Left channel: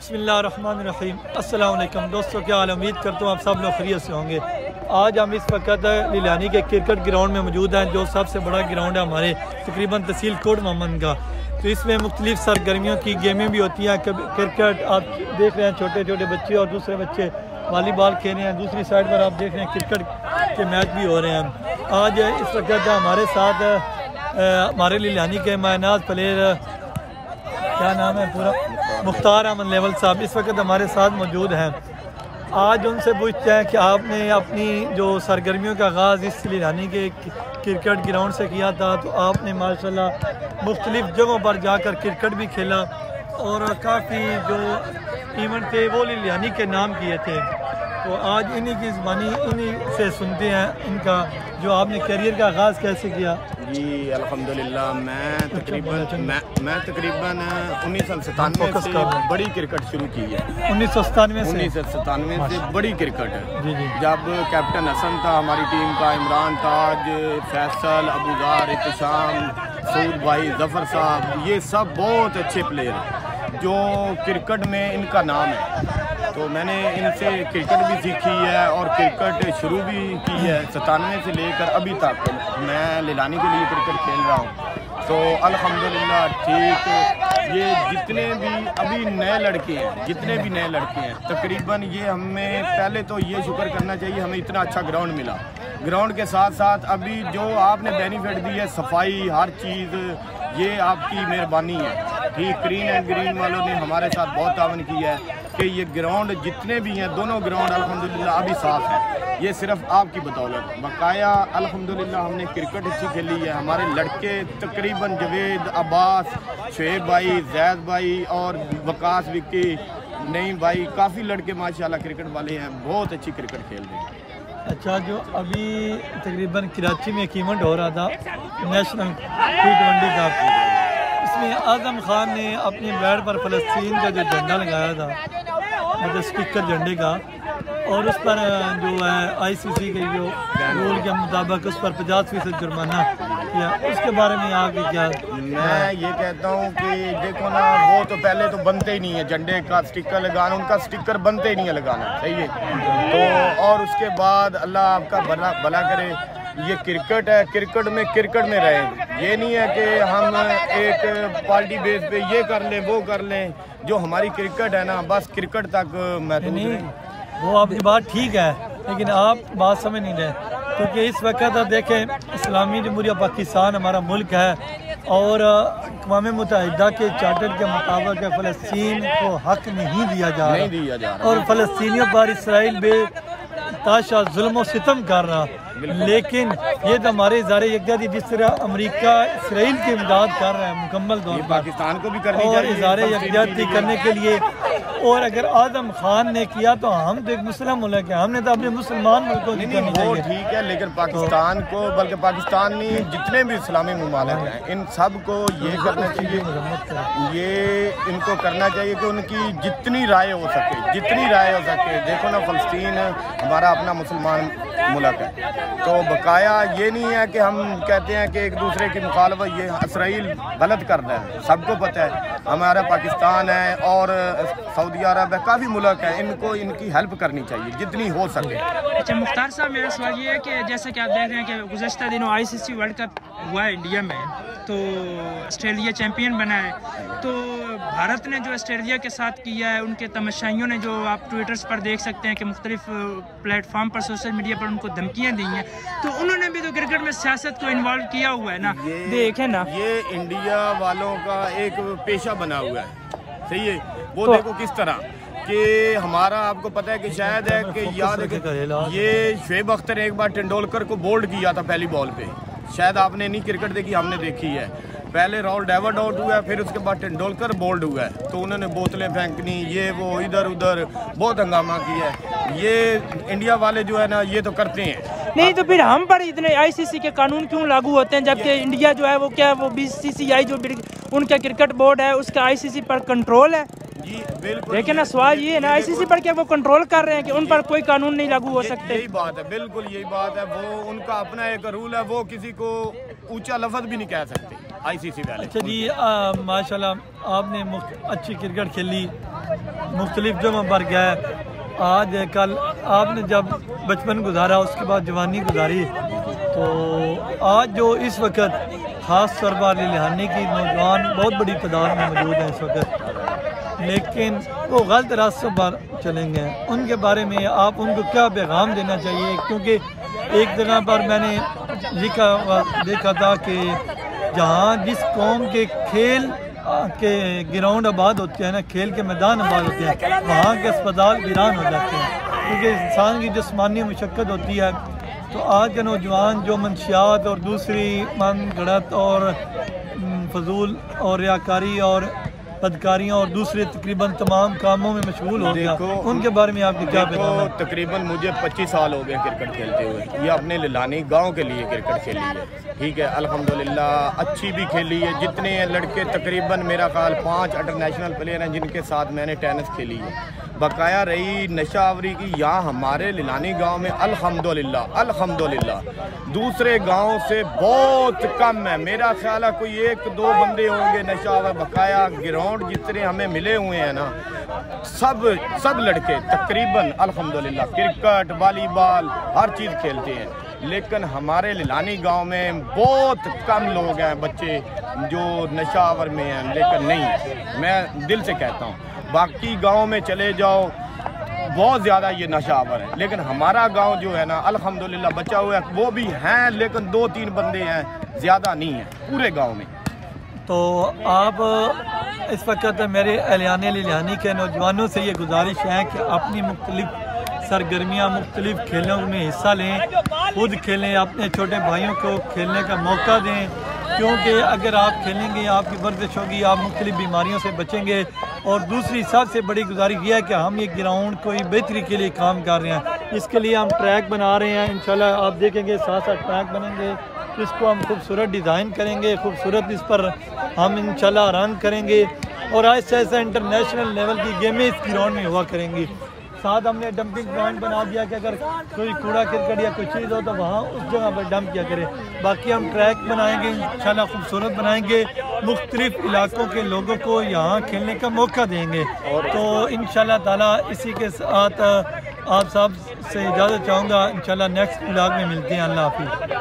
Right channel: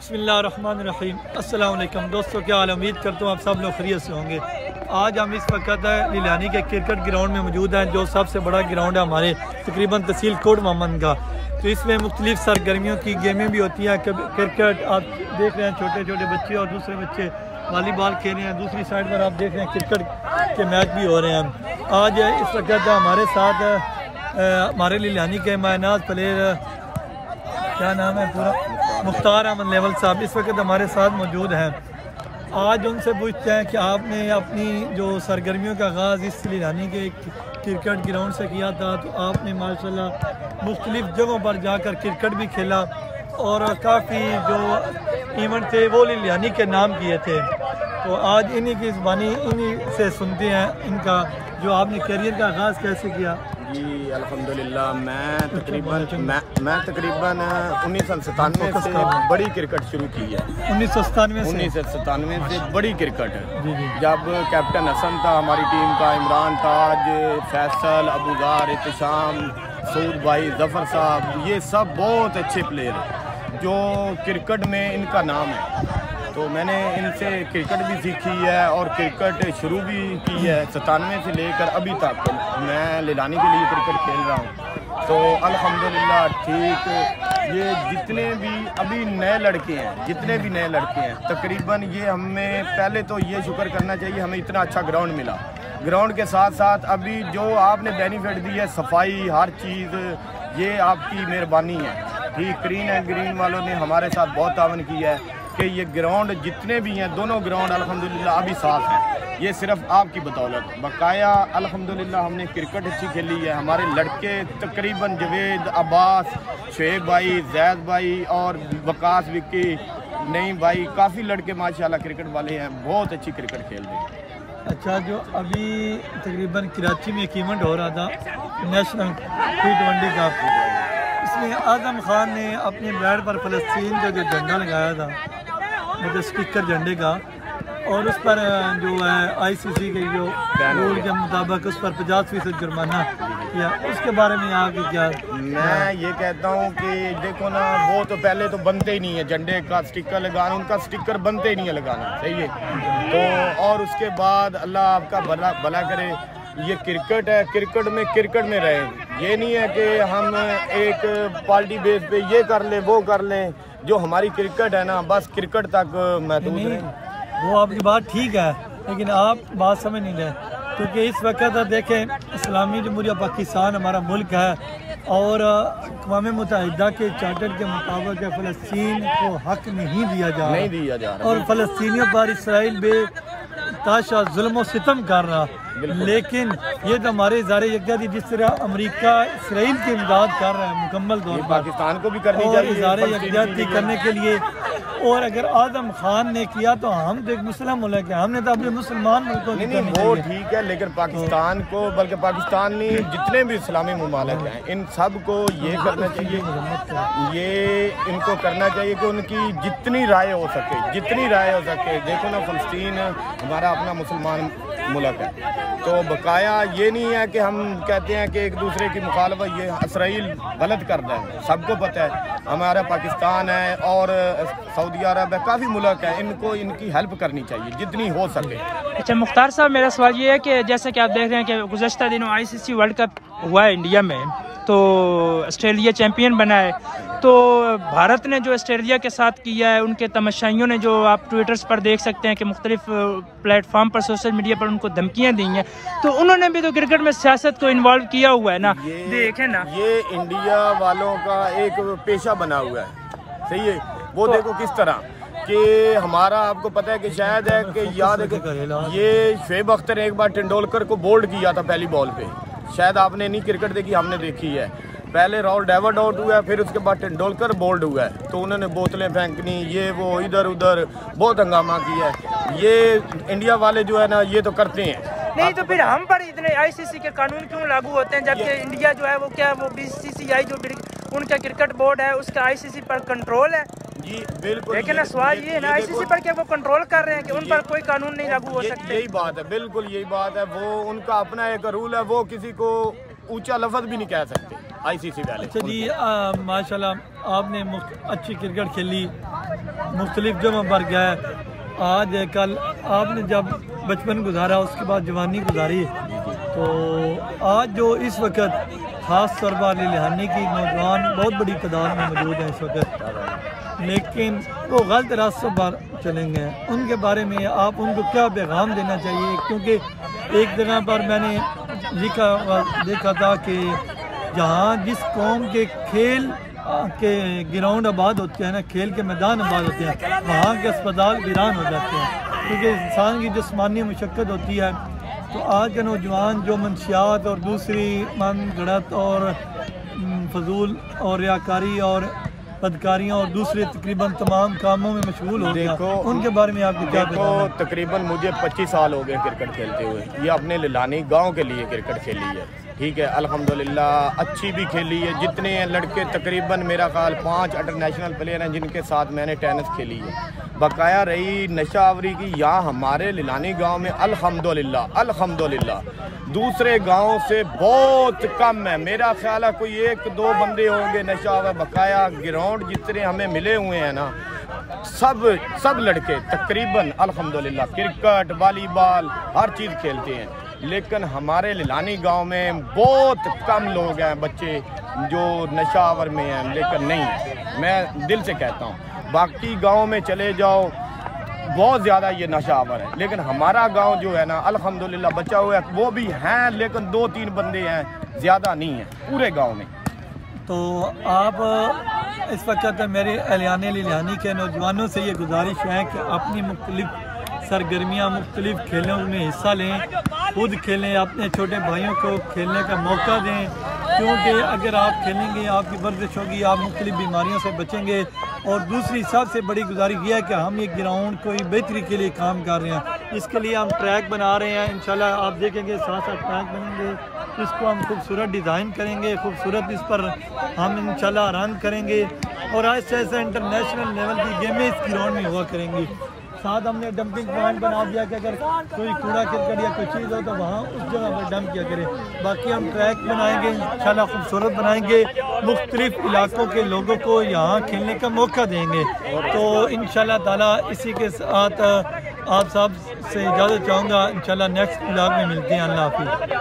बिस्मिल्लाहिर्रहमानिर्रहीम। अस्सलाम वालेकुम दोस्तों, क्या हाल? उम्मीद करता हूँ आप सब लोग खैरियत से होंगे। आज हम इस वक्त लीलानी के क्रिकेट ग्राउंड में मौजूद हैं, जो सबसे बड़ा ग्राउंड है हमारे तकरीबन तहसील कोट मोहम्मद का। तो इसमें मुख्तलिफ सरगर्मियों की गेमें भी होती हैं। क्रिकेट आप देख रहे हैं, छोटे छोटे बच्चे और दूसरे बच्चे वॉलीबॉल खेल रहे हैं। दूसरी साइड पर आप देख रहे हैं क्रिकेट के मैच भी हो रहे हैं। आज इस वक्त हमारे साथ हमारे लीलानी के मायनाज प्लेयर, क्या नाम है पूरा, मुख्तार अहमद लेवल साहब इस वक्त हमारे साथ मौजूद हैं। आज उनसे पूछते हैं कि आपने अपनी जो सरगर्मियों का आगाज़ इस लीलानी के क्रिकेट ग्राउंड से किया था, तो आपने माशाल्लाह मुख्तलिफ जगहों पर जाकर क्रिकेट भी खेला और काफ़ी जो इवेंट थे वो लीलानी के नाम किए थे। तो आज इन्हीं की ज़बानी इन्हीं से सुनते हैं इनका जो आपने करियर का आगाज़ कैसे किया। जी अल्हम्दुलिल्लाह, मैं तकरीबन 1997 से बड़ी क्रिकेट शुरू की है। 1997 से बड़ी क्रिकेट। जब कैप्टन हसन था हमारी टीम का, इमरान ताज, फैसल, अबूजार, इत्तिशाम, सऊद भाई, जफर साहब, ये सब बहुत अच्छे प्लेयर हैं जो क्रिकेट में इनका नाम है। तो मैंने इनसे क्रिकेट भी सीखी है और क्रिकेट शुरू भी की है। 97 से लेकर अभी तक मैं लीलानी के लिए क्रिकेट खेल रहा हूँ। तो अल्हम्दुलिल्लाह ठीक, ये जितने भी अभी नए लड़के हैं तकरीबन, ये हमें पहले तो ये शुक्र करना चाहिए हमें इतना अच्छा ग्राउंड मिला। ग्राउंड के साथ साथ अभी जो आपने बेनिफिट दी है, सफाई, हर चीज़, ये आपकी मेहरबानी है। ठीक, ग्रीन एंड ग्रीन वालों ने हमारे साथ बहुत तावन की है कि ये ग्राउंड जितने भी हैं, दोनों ग्राउंड अल्हम्दुलिल्लाह अभी साफ़ हैं। ये सिर्फ आपकी बदौलत। बकाया अल्हम्दुलिल्लाह हमने क्रिकेट अच्छी खेली है। हमारे लड़के तकरीबन जवेद, अब्बास, शुएब भाई, जैद भाई और वकास, विक्की, नईम भाई, काफ़ी लड़के माशाल्लाह क्रिकेट वाले हैं, बहुत अच्छी क्रिकेट खेल रहे हैं। अच्छा, जो अभी तकरीबन कराची में एक इवेंट हो रहा था नेशनल T20 का, इसमें आज़म खान ने अपने बैट पर फ़लस्तीन का जो झंडा लगाया था, मतलब स्टिकर झंडे का, और उस पर जो है ICC के जो रूल के मुताबिक उस पर 50% जुर्माना किया। उसके बारे में आगे क्या? मैं ये कहता हूँ कि देखो ना, वो तो पहले तो बनते ही नहीं है झंडे का स्टिकर लगाना, उनका स्टिकर बनते ही नहीं है लगाना, सही है। तो और उसके बाद अल्लाह आपका भला करे, ये क्रिकेट है, क्रिकेट में रहे। ये नहीं है कि हम एक पार्टी बेस पे ये कर लें वो कर लें। जो हमारी क्रिकेट है ना, बस क्रिकेट तक महदूद रहें। वो आपकी बात ठीक है, लेकिन आप बात समझ नहीं रहे, क्योंकि इस वक्त आप देखें इस्लामी जमहूरिया पाकिस्तान हमारा मुल्क है और अक़वाम मुत्तहिदा के चार्टर के मुताबिक फ़लस्तीन को हक नहीं दिया जा रहा और फ़लस्तीनियों पर इसराइल बेताशा जुल्म और सितम कर रहा। लेकिन ये तो हमारे इज़हार यकजहती, जिस तरह अमेरिका इसराइल की इमदाद कर रहा है मुकम्मल तौर पर, पाकिस्तान को भी करनी चाहिए इज़हार यकजहती करने के लिए। और अगर आज़म खान ने किया तो हम तो एक मुस्लिम मुल्क है, हमने तो अपने मुसलमान मुल्क को नहीं, वो ठीक है, लेकिन पाकिस्तान को, बल्कि पाकिस्तान नहीं, जितने भी इस्लामी ममालिक हैं, इन सब को ये करना चाहिए, ये इनको करना चाहिए कि उनकी जितनी राय हो सके। देखो ना, फ़लस्तीन हमारा अपना मुसलमान मुल्क है, तो बकाया ये नहीं है कि हम कहते हैं कि एक दूसरे की मुखालफत, ये इसराइल गलत कर रहा है, सबको पता है। हमारा पाकिस्तान है और सऊदी अरब है, काफ़ी मुल्क है, इनको इनकी हेल्प करनी चाहिए जितनी हो सके। अच्छा मुख्तार साहब, मेरा सवाल ये है कि जैसे कि आप देख रहे हैं कि गुज़श्ता दिनों ICC वर्ल्ड कप हुआ है इंडिया में, तो ऑस्ट्रेलिया चैम्पियन बना है। तो भारत ने जो ऑस्ट्रेलिया के साथ किया है, उनके तमाशाइयों ने, जो आप ट्विटर्स पर देख सकते हैं कि मुख्तलिफ प्लेटफॉर्म पर, सोशल मीडिया पर उनको धमकियाँ दी हैं, तो उन्होंने भी तो क्रिकेट में सियासत को इन्वॉल्व किया हुआ है ना। देखें ना, ये इंडिया वालों का एक पेशा बना हुआ है, सही है। वो तो देखो किस तरह कि हमारा, आपको पता है कि शायद है कि याद है कि ये शुएब अख्तर ने एक बार तेंदुलकर को बोल्ड किया था पहली बॉल पे। शायद आपने नहीं क्रिकेट देखी, हमने देखी है। पहले राहुल डेविड आउट हुआ है, फिर उसके बाद तेंदुलकर बोल्ड हुआ है, तो उन्होंने बोतलें फेंकनी, ये वो, इधर उधर बहुत हंगामा किया है। ये इंडिया वाले जो है ना, ये तो करते हैं। नहीं तो फिर हम पर इतने ICC के कानून क्यों लागू होते हैं, जबकि इंडिया जो है वो BCCI जो उनका क्रिकेट बोर्ड है, उसका ICC पर कंट्रोल है। जी बिल्कुल, लेकिन ना सवाल ये है ना, ICC पर क्या वो कंट्रोल कर रहे हैं कि उन पर कोई कानून नहीं लागू हो सकते? यही बात है, बिल्कुल यही बात है। वो उनका अपना एक रूल है, वो किसी को ऊंचा लफ्ज भी नहीं कह सकते ICC वाले। अच्छा जी, माशाल्लाह आपने अच्छी क्रिकेट खेली, मुख्तलिफ जमा पर गया है। आज कल आपने जब बचपन गुजारा, उसके बाद जवानी गुजारी, तो आज जो इस वक्त ख़ास तौर पर लिहानी की नौजवान बहुत बड़ी तादाद में मौजूद हैं इस वक्त, लेकिन वो गलत रास्तों पर चलेंगे। उनके बारे में आप उनको क्या पैगाम देना चाहिए? क्योंकि एक जगह पर मैंने देखा था कि जहाँ जिस कौम के खेल के ग्राउंड आबाद होते हैं ना, खेल के मैदान आबाद होते हैं, वहाँ के अस्पताल वीरान हो जाते हैं, क्योंकि इंसान की जिस्मानी मशक्क़त होती है। तो आज के नौजवान जो मंशियात और दूसरी मन गढ़त और फजूल और रियाकारी और बदकारियाँ और दूसरे तकरीबन तमाम कामों में मशगूल हो गया, उनके बारे में आपकी क्या बताना? तकरीबन मुझे 25 साल हो गए क्रिकेट खेलते हुए। ये अपने लिलानी गांव के लिए क्रिकेट खेली है, ठीक है, अल्हम्दुलिल्लाह अच्छी भी खेली है। जितने लड़के तकरीबन मेरा ख्याल 5 इंटरनेशनल प्लेयर हैं जिनके साथ मैंने टेनिस खेली है। बकाया रही नशा आवरी की, यहाँ हमारे लिलानी गांव में अल्हम्दुलिल्लाह दूसरे गांव से बहुत कम है। मेरा ख्याल है कोई 1-2 बंदे होंगे नशा आवर। बकाया ग्राउंड जितने हमें मिले हुए हैं ना, सब लड़के तकरीबन अल्हम्दुलिल्लाह क्रिकेट, वॉलीबॉल हर चीज़ खेलते हैं। लेकिन हमारे लिलानी गांव में बहुत कम लोग हैं बच्चे जो नशावर में हैं, लेकिन नहीं है, मैं दिल से कहता हूँ। बाकी गांव में चले जाओ बहुत ज़्यादा ये नशावर है, लेकिन हमारा गांव जो है ना अल्हम्दुलिल्लाह बचा हुआ है। वो भी हैं लेकिन 2-3 बंदे हैं, ज़्यादा नहीं है पूरे गांव में। तो आप इस वक्त मेरे एलियाने लिलानी के नौजवानों से ये गुजारिश है कि अपनी मुख्तलिफ सरगर्मियाँ, मुख्तलिफ खेलों में हिस्सा लें, खुद खेलें, अपने छोटे भाइयों को खेलने का मौका दें, क्योंकि अगर आप खेलेंगे आपकी वर्जिश होगी, आप मुख्तलिफ बीमारियों से बचेंगे। और दूसरी सबसे बड़ी गुजारिश यह है कि हम ये ग्राउंड कोई बेहतरी के लिए काम कर रहे हैं, इसके लिए हम ट्रैक बना रहे हैं। इंशाल्लाह आप देखेंगे 7-8 ट्रैक बनेंगे, इसको हम खूबसूरत डिज़ाइन करेंगे, खूबसूरत इस पर हम इंशाल्लाह रन करेंगे और ऐसे ऐसे इंटरनेशनल लेवल की गेमें इस ग्राउंड में हुआ करेंगी। साथ हमने डंपिंग पॉइंट बना दिया कि अगर कोई कूड़ा करकट या कोई चीज़ हो तो वहाँ उस जगह पर डंप किया करें। बाकी हम ट्रैक बनाएंगे, इंशाल्लाह खूबसूरत बनाएंगे, मुख्तलिफ इलाकों के लोगों को यहाँ खेलने का मौका देंगे। तो इंशाल्लाह ताला इसी के साथ आप सब से इजाज़त चाहूँगा। इंशाल्लाह नेक्स्ट ब्लॉग में मिलते हैं। अल्लाह हाफिज़।